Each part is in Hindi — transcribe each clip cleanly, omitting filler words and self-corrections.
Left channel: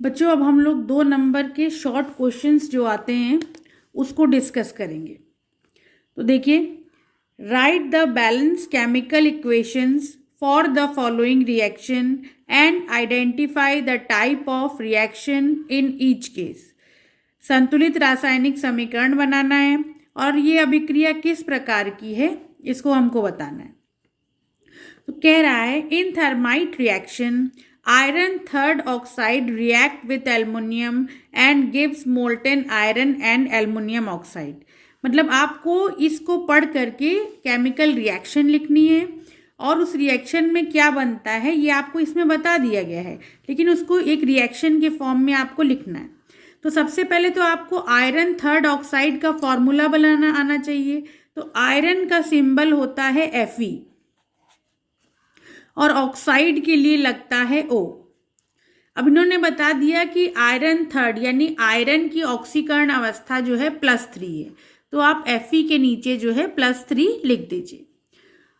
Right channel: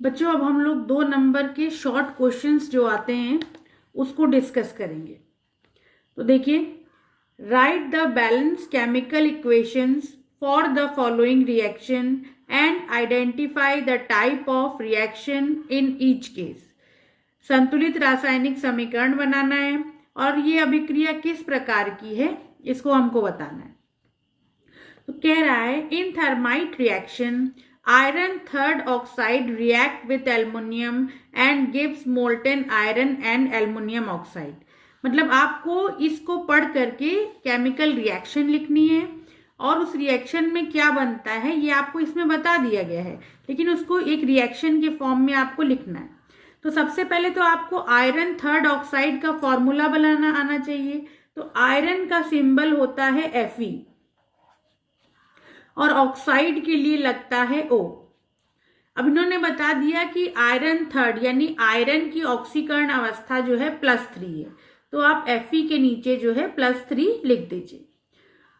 बच्चों अब हम लोग 2 नंबर के शॉर्ट क्वेश्चंस जो आते हैं उसको डिस्कस करेंगे। तो देखिए, right the balance chemical equations for the following reaction and identify the type of reaction in each case. संतुलित रासायनिक समीकरण बनाना है और ये अभिक्रिया किस प्रकार की है इसको हमको बताना है। तो कह रहा है in thermite reaction iron third oxide react with aluminium and gives molten iron and aluminium oxide. मतलब आपको इसको पढ़ करके केमिकल रिएक्शन लिखनी है और उस रिएक्शन में क्या बनता है ये आपको इसमें बता दिया गया है, लेकिन उसको एक रिएक्शन के फॉर्म में आपको लिखना है। तो सबसे पहले तो आपको आयरन थर्ड ऑक्साइड का फॉर्मूला बनाना आना चाहिए। तो आयरन का सिंबल होता है Fe और ऑक्साइड के लिए लगता है O। अब इन्होंने बता दिया कि आयरन थर्ड यानी आयरन की ऑक्सीकरण अवस्था जो है +3 है, तो आप Fe के नीचे जो है +3 लिख दीजिए।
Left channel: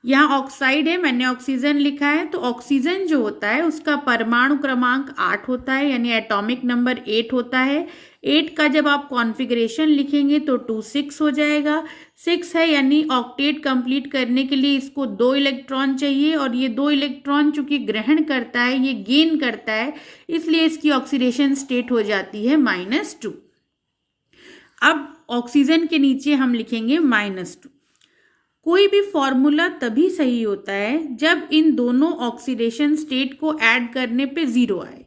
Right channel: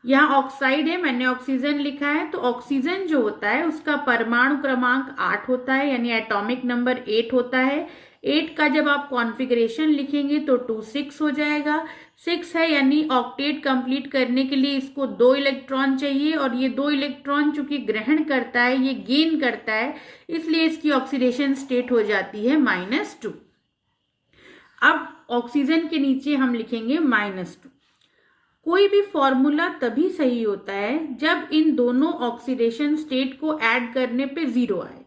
यहाँ ऑक्साइड है, मैंने ऑक्सीजन लिखा है, तो ऑक्सीजन जो होता है उसका परमाणु क्रमांक 8 होता है यानी एटॉमिक नंबर 8 होता है। 8 का जब आप कॉन्फ़िगरेशन लिखेंगे तो 2 6 हो जाएगा। 6 है यानी ऑक्टेट कंप्लीट करने के लिए इसको 2 इलेक्ट्रॉन चाहिए और ये 2 इलेक्ट्रॉन चूंकि ग्रहण करता है ये गेन करता है, इसलिए इसकी ऑक्सीडेशन स्टेट हो जाती है -2। अब ऑक्सीजन के नीचे हम लिखेंगे -2। कोई भी फॉर्मूला तभी सही होता है जब इन दोनों ऑक्सीडेशन स्टेट को ऐड करने पे 0 आए।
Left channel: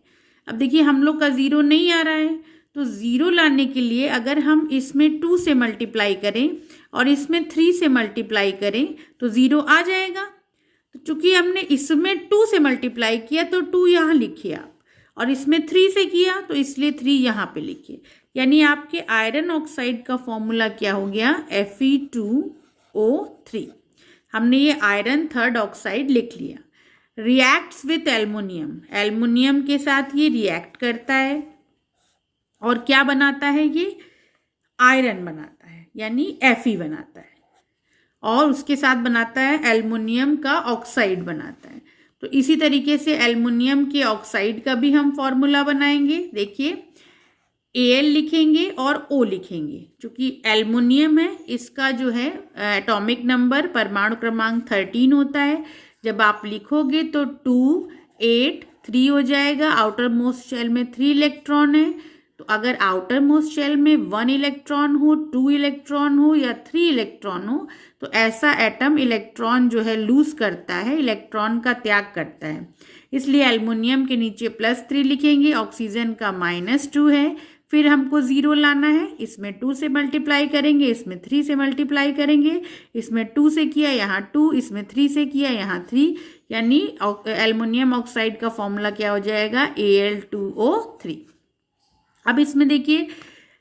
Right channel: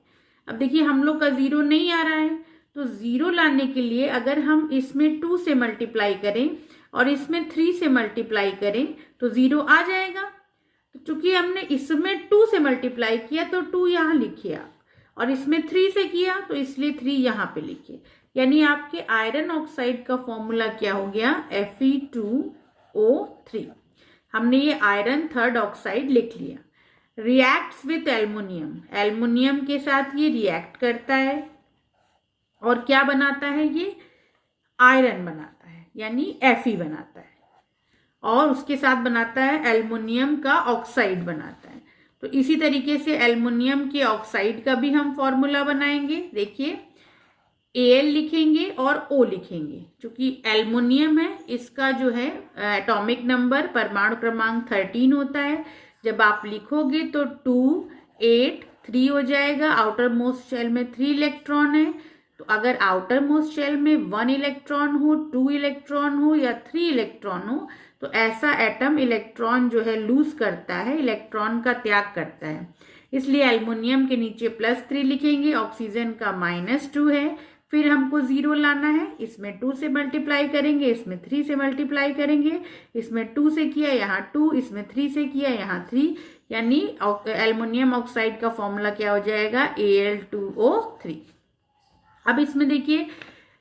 अब देखिए हम लोग का 0 नहीं आ रहा है, तो 0 लाने के लिए अगर हम इसमें 2 से मल्टीप्लाई करें और इसमें 3 से मल्टीप्लाई करें तो 0 आ जाएगा। तो चूंकि हमने इसमें 2 से मल्टीप्लाई किया तो 2 यहाँ लिखिए आप, और इसमें 3 से किया तो इसलिए 3 यहाँ पे लिखिए। यानी आपके आयरन ऑक्साइड का फॉर्मूला क्या हो गया, Fe2O3। हमने ये आयरन थर्ड ऑक्साइड लिख लिया। रिएक्ट्स विथ एल्युमिनियम, एल्युमिनियम के साथ ये रिएक्ट करता है और क्या बनाता है, ये आयरन बनाता है यानी Fe बनाता है, और उसके साथ बनाता है एल्युमिनियम का ऑक्साइड बनाता है। तो इसी तरीके से एल्युमिनियम के ऑक्साइड का भी हम फॉर्मूला बनाएंगे। देखिए Al लिखेंगे और O लिखेंगे। चूंकि एल्युमिनियम है इसका जो है एटॉमिक नंबर परमाणु क्रमांक 13 होता है। जब आप लिखोगे तो 2 8 3 हो जाएगा। आउटर मोस्ट शेल में 3 इलेक्ट्रॉन है, तो अगर आउटर मोस्ट शेल में 1 इलेक्ट्रॉन हो, 2 इलेक्ट्रॉन हो या 3 इलेक्ट्रॉन हो तो ऐसा एटम इलेक्ट्रॉन जो है लूज करता है, इलेक्ट्रॉन का त्याग करता है। इसलिए एल्युमिनियम के नीचे +3 लिखेंगे, ऑक्सीजन का -2 है। फिर हमको 0 लाना है, इसमें 2 से मल्टीप्लाई करेंगे, इसमें 3 से मल्टीप्लाई करेंगे, इसमें 2 से किया यहाँ 2, इसमें 3 से किया यहाँ 3, यानी एल्युमिनियम ऑक्साइड का फॉर्मूला क्या हो जाएगा, Al2O3। अब इसमें देखिए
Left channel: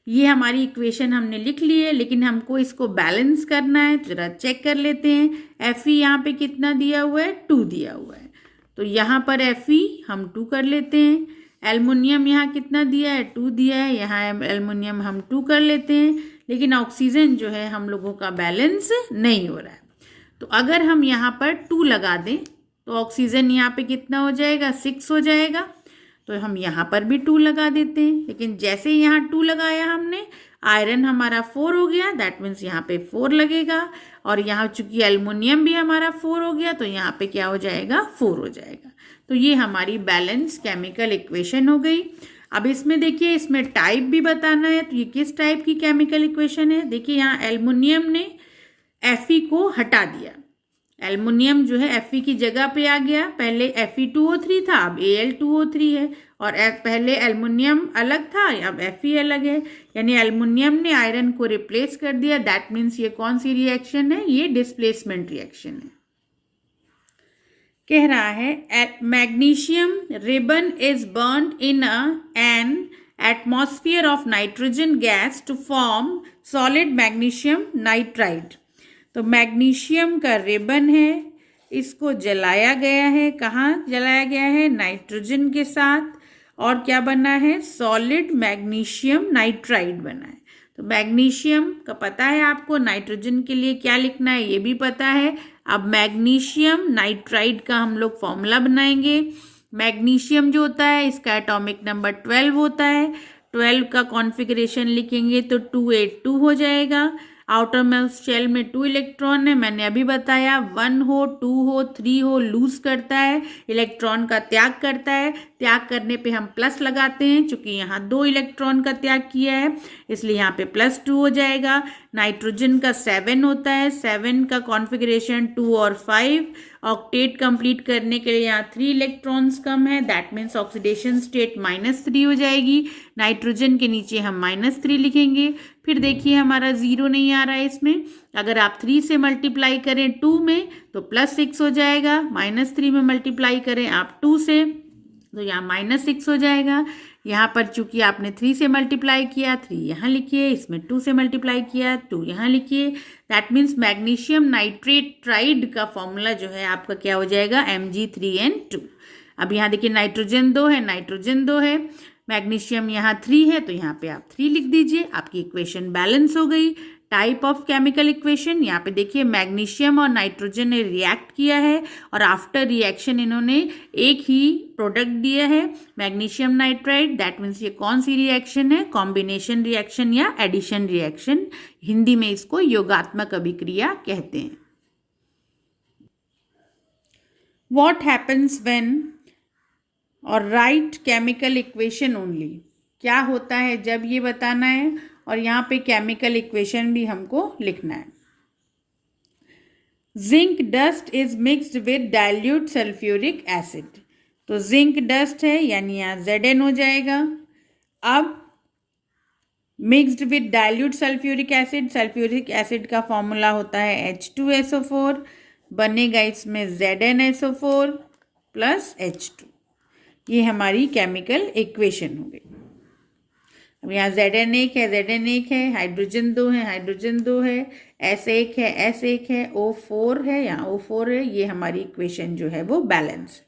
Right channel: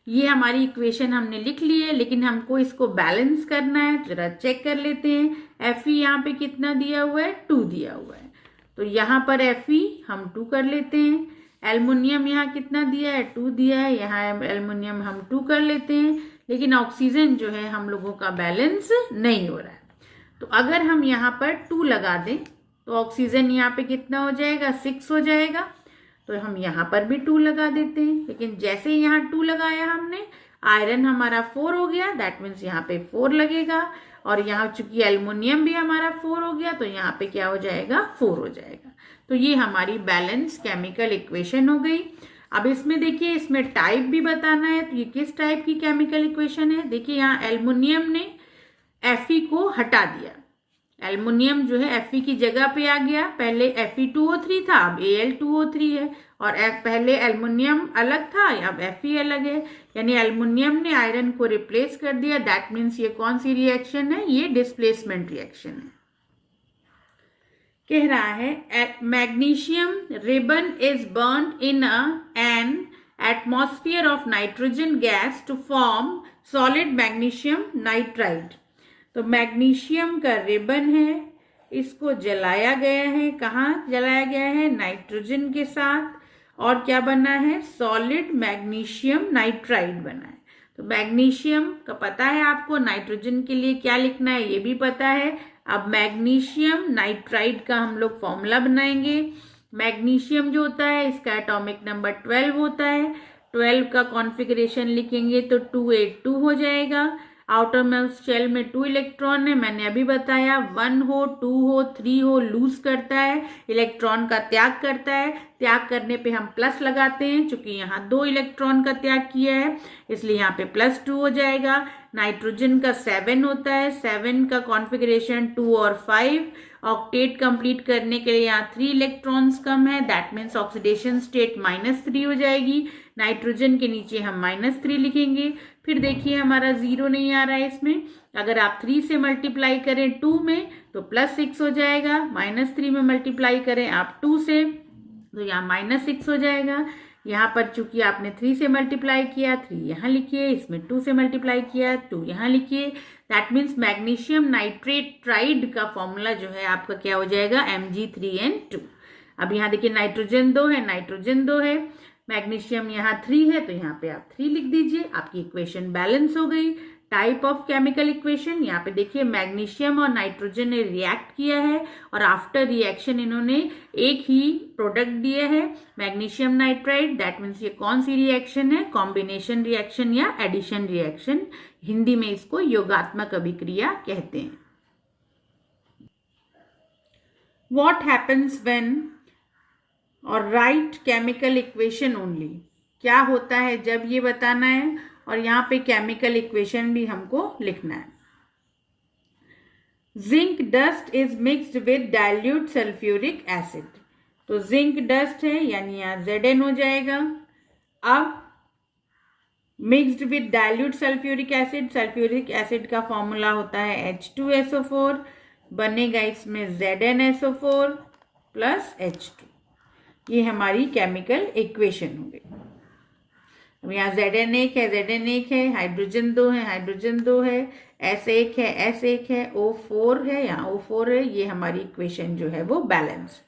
ये हमारी इक्वेशन हमने लिख ली है, लेकिन हमको इसको बैलेंस करना है। जरा चेक कर लेते हैं। Fe यहाँ पे कितना दिया हुआ है, 2 दिया हुआ है, तो यहाँ पर Fe हम 2 कर लेते हैं। एल्युमिनियम यहाँ कितना दिया है, 2 दिया है, यहाँ एल्युमिनियम हम 2 कर लेते हैं, लेकिन ऑक्सीजन जो है हम लोगों का बैलेंस नहीं हो रहा है। तो अगर हम यहाँ पर 2 लगा दें तो ऑक्सीजन यहाँ पे कितना हो जाएगा, 6 हो जाएगा। तो हम यहाँ पर भी 2 लगा देते हैं, लेकिन जैसे यहाँ 2 लगाया हमने, आयरन हमारा 4 हो गया, दैट मीन्स यहाँ पे 4 लगेगा, और यहाँ चूंकि एल्युमिनियम भी हमारा 4 हो गया तो यहाँ पे क्या हो जाएगा, 4 हो जाएगा। तो ये हमारी बैलेंस केमिकल इक्वेशन हो गई। अब इसमें देखिए इसमें टाइप भी बताना है, तो ये किस टाइप की केमिकल इक्वेशन है। देखिए यहाँ एल्युमिनियम ने Fe को हटा दिया, एल्युमिनियम जो है Fe की जगह पे आ गया। पहले Fe2O3 था, अब Al2O3 है, और पहले एल्युमिनियम अलग था, अब Fe अलग है, यानी एल्युमिनियम ने आयरन को रिप्लेस कर दिया। दैट मीन्स ये कौन सी रिएक्शन है, ये डिस्प्लेसमेंट रिएक्शन है। कह रहा है magnesium ribbon is burned in an atmosphere of nitrogen gas to form solid magnesium nitride. तो मैग्नीशियम का रिबन है, इसको जलाया गया है। कहाँ जलाया गया है, नाइट्रोजन के साथ, और क्या बना है, सॉलिड मैग्नीशियम नाइट्राइड बना है। तो मैग्नीशियम का पता है आपको, नाइट्रोजन के लिए क्या लिखना है ये भी पता है। अब मैग्नीशियम नाइट्राइड का हम लोग फॉर्मूला बनाएंगे। मैग्नीशियम जो होता है इसका एटॉमिक नंबर 12 होता है। 12 का कॉन्फ़िगरेशन लिखेंगे तो 282 हो जाएगा। आउटर मोस्ट शेल में 2 इलेक्ट्रॉन है, मैंने अभी बताया 1 हो 2 हो 3 हो लूज करता है, इलेक्ट्रॉन का त्याग करता है। त्याग करने पे हम प्लस लगाते हैं, चूंकि यहाँ 2 इलेक्ट्रॉन का त्याग किया है इसलिए यहाँ पे +2 हो जाएगा। नाइट्रोजन का 7 होता है, 7 का कॉन्फ़िगरेशन 2 और 5। ऑक्टेट कंप्लीट करने के लिए यहाँ 3 इलेक्ट्रॉन्स कम है, दैट मीन्स ऑक्सीडेशन स्टेट -3 हो जाएगी। नाइट्रोजन के नीचे हम -3 लिखेंगे। फिर देखिए हमारा 0 नहीं आ रहा है इसमें, अगर आप 3 से मल्टीप्लाई करें 2 में तो +6 हो जाएगा, -3 में मल्टीप्लाई करें आप 2 से तो यहाँ -6 हो जाएगा। यहाँ पर चूंकि आपने 3 से मल्टीप्लाई किया 3 यहाँ लिखिए, इसमें 2 से मल्टीप्लाई किया 2 यहाँ लिखिए। That means magnesium nitrate tried का फॉर्मूला जो है आपका क्या हो जाएगा, Mg3n2। अब यहाँ देखिए नाइट्रोजन 2 है, नाइट्रोजन 2 है, मैग्नीशियम यहाँ 3 है तो यहाँ पे आप 3 लिख दीजिए, आपकी इक्वेशन बैलेंस हो गई। टाइप ऑफ केमिकल इक्वेशन, यहाँ पे देखिए मैग्नीशियम और नाइट्रोजन ने रिएक्ट किया है और आफ्टर रिएक्शन इन्होंने एक ही प्रोडक्ट दिया है मैग्नीशियम नाइट्राइड। दैट मीन्स ये कौन सी रिएक्शन है, कॉम्बिनेशन रिएक्शन या एडिशन रिएक्शन, हिंदी में इसको योगात्मक अभिक्रिया कहते हैं। व्हाट हैपन्स व्हेन और राइट केमिकल इक्वेशन ओनली, क्या होता है जब ये बताना है और यहाँ पे केमिकल इक्वेशन भी हमको लिखना है। Zinc dust is mixed with dilute sulphuric acid, तो जिंक डस्ट है यानी यहाँ Zn हो जाएगा। अब mixed with dilute sulphuric acid, sulphuric acid का फॉर्मूला होता है H2SO4, बनेगा इसमें ZnSO4 प्लस H2, ये हमारी केमिकल इक्वेशन हो गई। अब यहाँ Zn 1 है, Zn 1 है, हाइड्रोजन 2 है, हाइड्रोजन 2 है, S1 है, S1 है, O4 है, यहाँ O4 है, ये हमारी इक्वेशन जो है वो बैलेंस।